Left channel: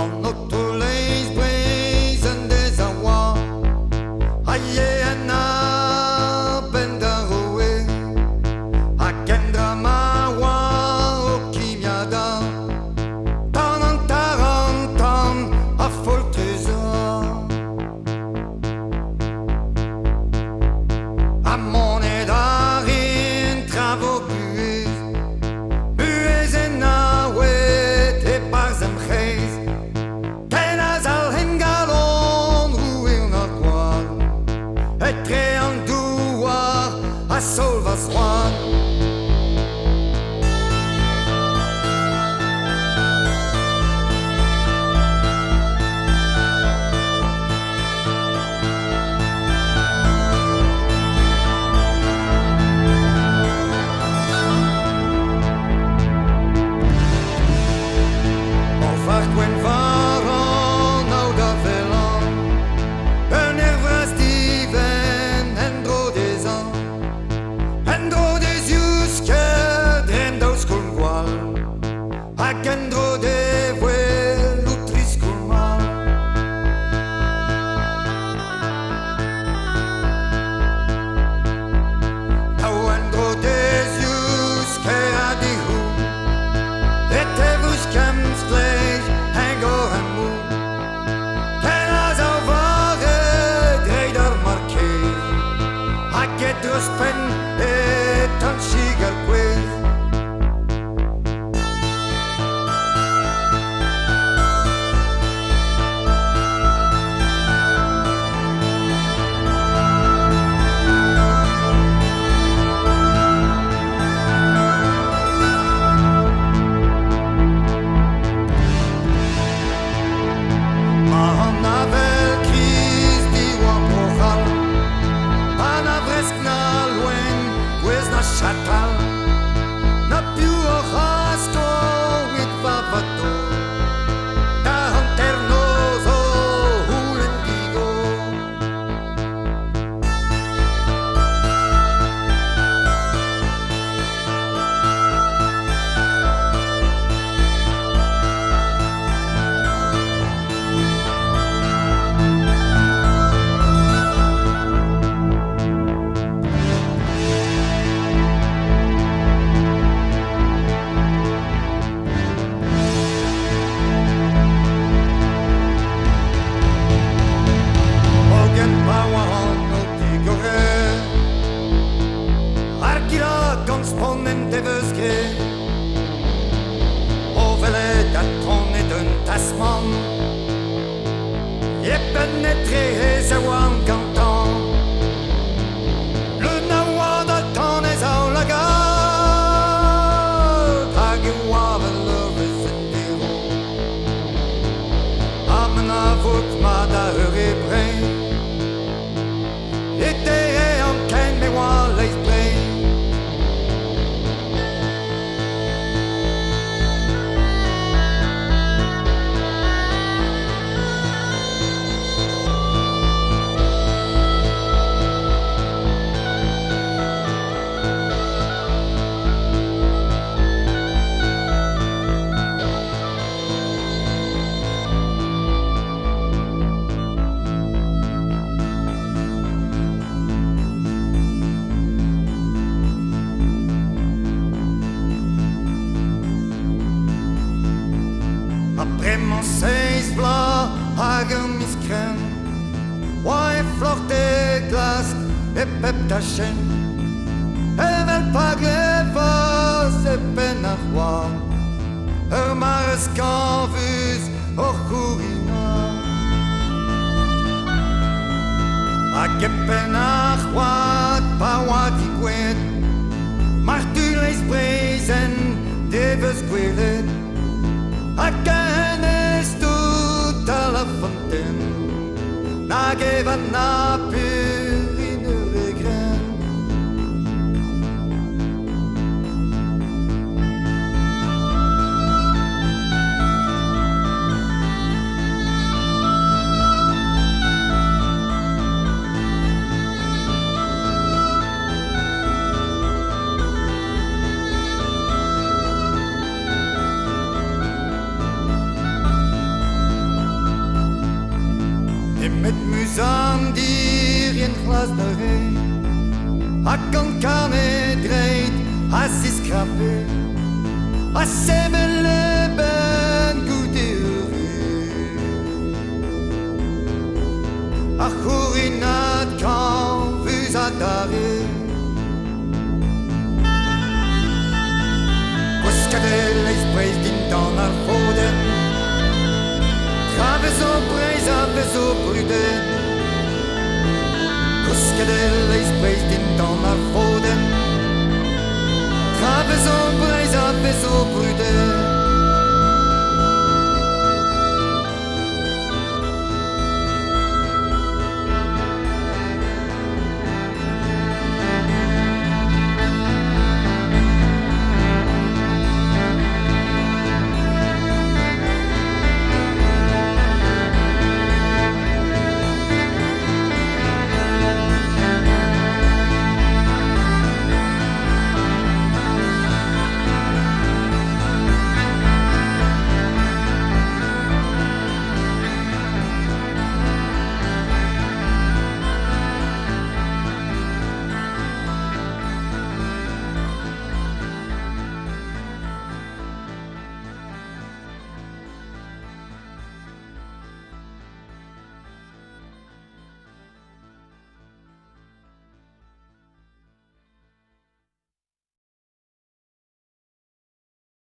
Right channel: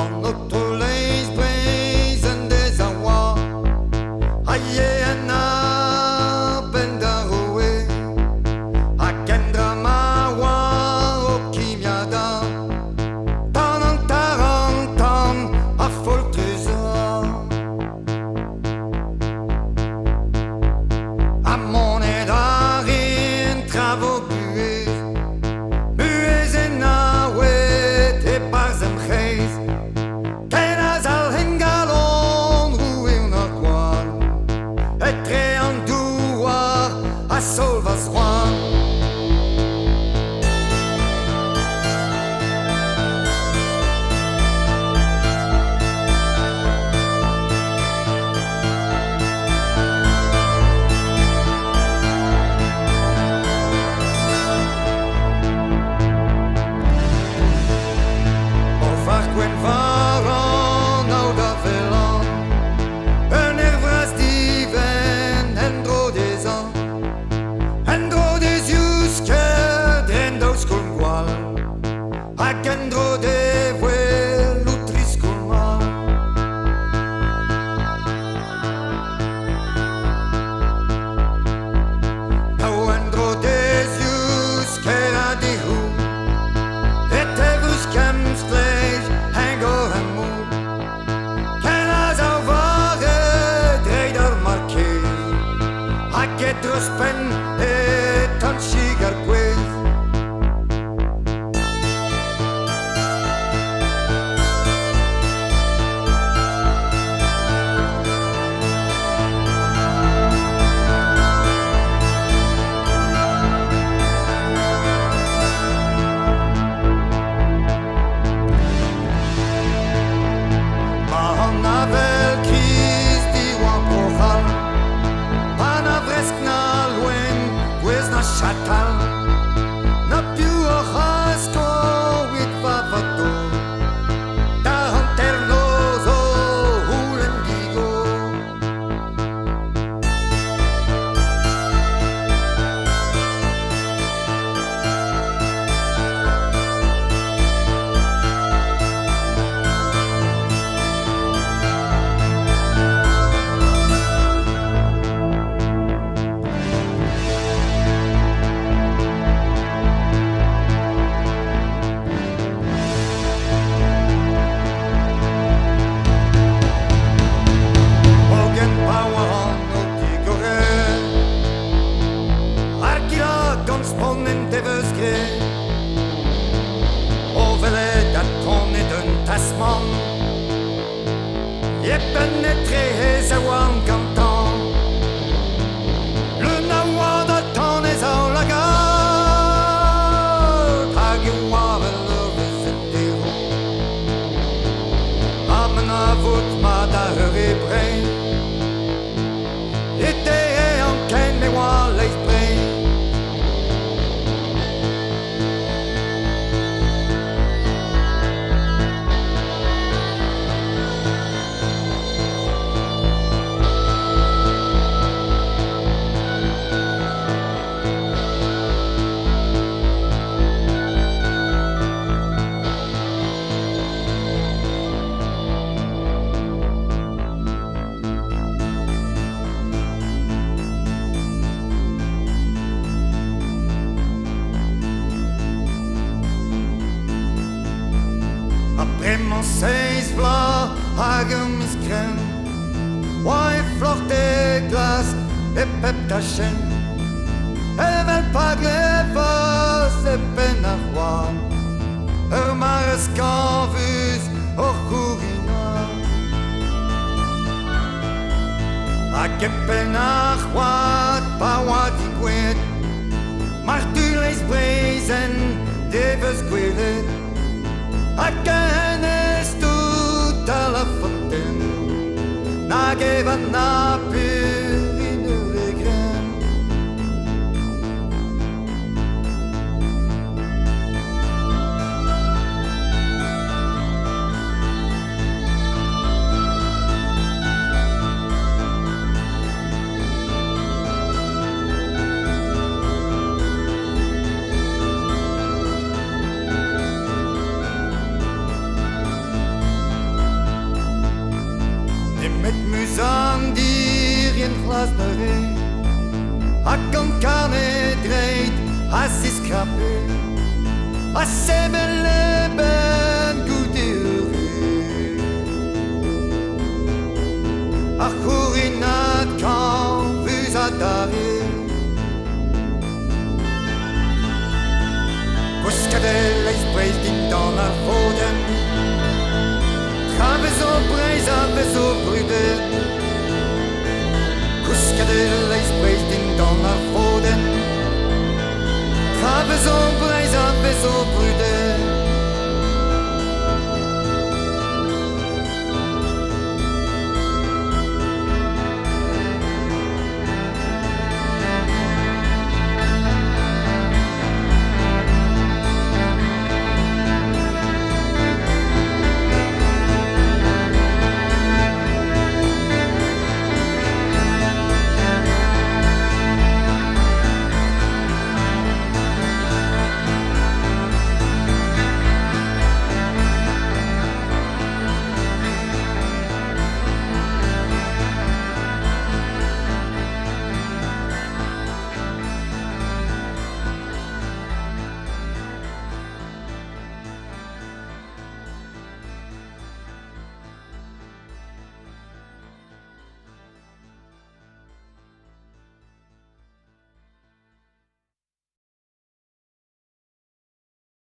An autoleis brezen des awa Aie ana ben da roe A kendra mawa o kimiada Tan an tarantan a foltreza A monet arin travo buez Buez en awet e barzem chez Ken az al hengalon roue un argoan Et tre an douar a sol vas roan Var gwen varan nou da velan Un vras diven en dro des an En dro des yusker dren daus kolm gwal Hag en dro de vwe loutris kolm mal Nou en dro des yusker a di hou Et evus kems gleich hengor en moe Ken as au vare dreider markees A gedrus pen et an shigar kwez Navel kriz diwa prochal Pa na vresk na loen gwez na chatal Na piu o chasko wit vavato Da hanternozo hulen digo Ogen pawan o tigore Arkila gans ponnen teveuskre O vele dat tonne d'un tasman Yepen etre hezawan gantan Le nawa da tonnes au lagar Hage wavel vezendero Amna vot ma da heure brei Ete e an ken me wa leis brei Après mon seis vla hag mis kren Wa e flor de glas e pep ta chen E vel pa glevas e pen ar roan Mares canvus or courina Hag e pen ar roat pa wa di gwet Martu leis brezen deves gwelet Again is tout à la fontaine Nageva na pur in regren Et met musan dir in glas de re. A kan carnet dreit, a sis krappe. A seven leben gute ure. A churinat kan vus a dare. Koskadel eis breis din dan ar foden. Traves o breis aves o bruden. Koskadel eis breis din dan ar foden. Traves o breis aves o bruden.